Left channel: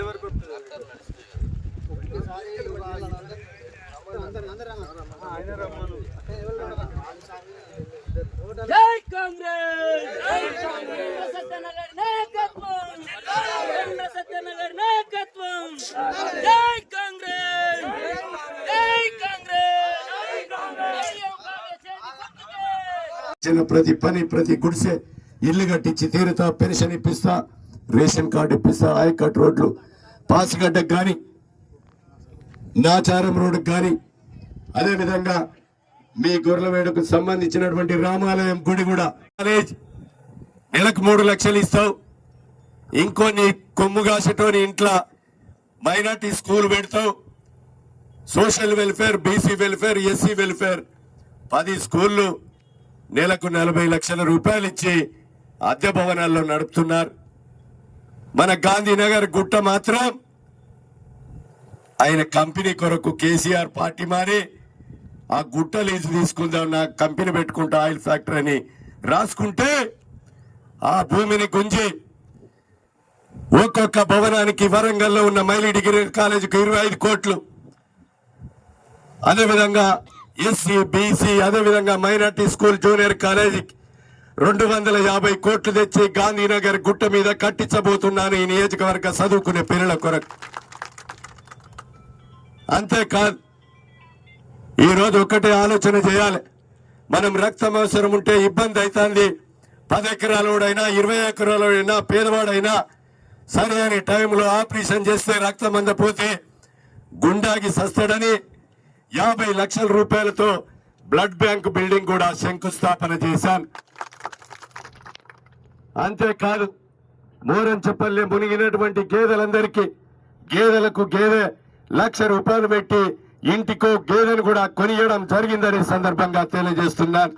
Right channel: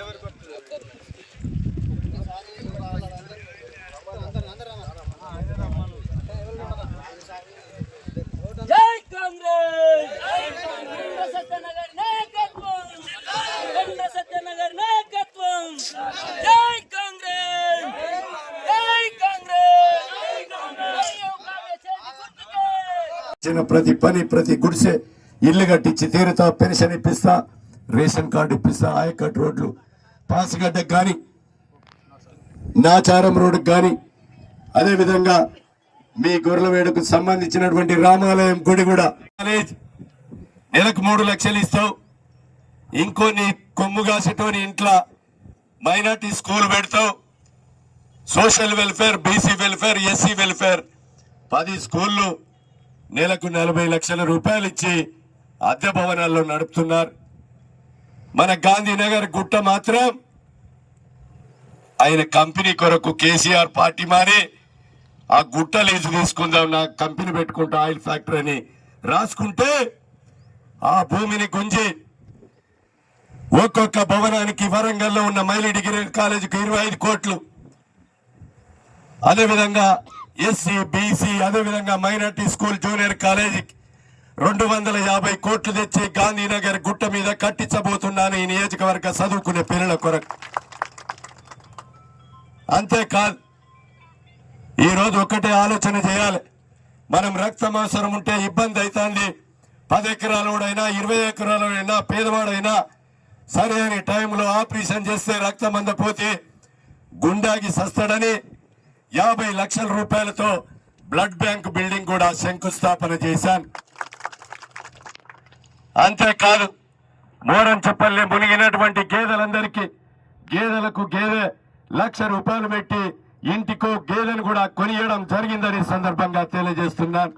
ಗಿಡವರೆಗೂ ప్రతి పని ప్రతి గుడిసె ఇల్లు కట్టించి తీరుతా పెన్షన్ ఇప్పిస్తా రేషన్ కార్డు ఇప్పిస్తా ఆయకట్ రోడ్లు పాసిగడ్డకు కానీ నాచారం రోడ్డుకు కానీ అదేవిధంగా మీ గొర్రెలవేడుకు సంబంధించినటువంటి రామాలయం గుడి కూడా. కాలేజ్ నెలకు మూడు లక్షలు ఇస్తావు. ఇంకొన్ని కొమ్ము కాసేటోని ఇంట్లో మైనార్టీ స్కూల్ పెడతావు. Social welfare BC welfare SC welfare. పది స్కూళ్ళు నెలకు నలభై లక్షల రూపాయలు ఇచ్చి అద్దె భవనాల్లో నడుపుతున్నారు. మన గాంధీనగర్ గుట్ట మాత్రం ఆయన కంపెనీ కొరకు కేసీఆర్ పార్టీ మారి ఆ గుట్ట లీజు తీసుకుందాం నా కంపెనీ పెట్టుకుంటా ఆయిల్ ఫ్యాక్టరీ అని రాసుకుంటే ఆ భూమిని గుంజి ఒక్కొక్క భవనానికి వరంగల్లో ఉన్న మైలి డిగ్రీ కాలేజీకి ఇరవై ఐదు కోట్లు. అదేవిధంగా ఎస్సీ బీసీ అదేవిధంగా మైనార్టీ స్కూల్ జూనియర్ కాలేజీకి రెండు వందల యాభై కోట్లు తెచ్చి గాంధీనగర్ గుట్ట మీద కట్టించబోతున్నాను ఈ నియోజకవర్గ చదువుకునే పిల్లల కొరకు. అంతేకాదు ఈరోజు ఒకటే ఆలోచన చేయాలి. మనం రక్తం అవసరం ఉంటే ఇబ్బంది అవుతుంది పది ఎకరాలోడైనా ఇరవై ఎకరాలోడైనా పేదవాడైనా సరైన టైంలో ఆపరేషన్ చేస్తే రక్తం అందపోతే గుండాకి సస్తాడని యాభై లక్షల రూపాయలతో బ్లడ్ బ్యాంక్ బిల్డింగ్ కూడా శంకుస్థాపన చేశాను. అంతేకాదు మోరంచపల్లి మునిగినటువంటి గేదెలందరికీ గేదెలకు గేదె లక్ష రూపాయలు పెట్టి ఇంటికో గేదెను కూడా కొనియడం జరిగిందని సందర్భంగా తెలియజేస్తున్నాను.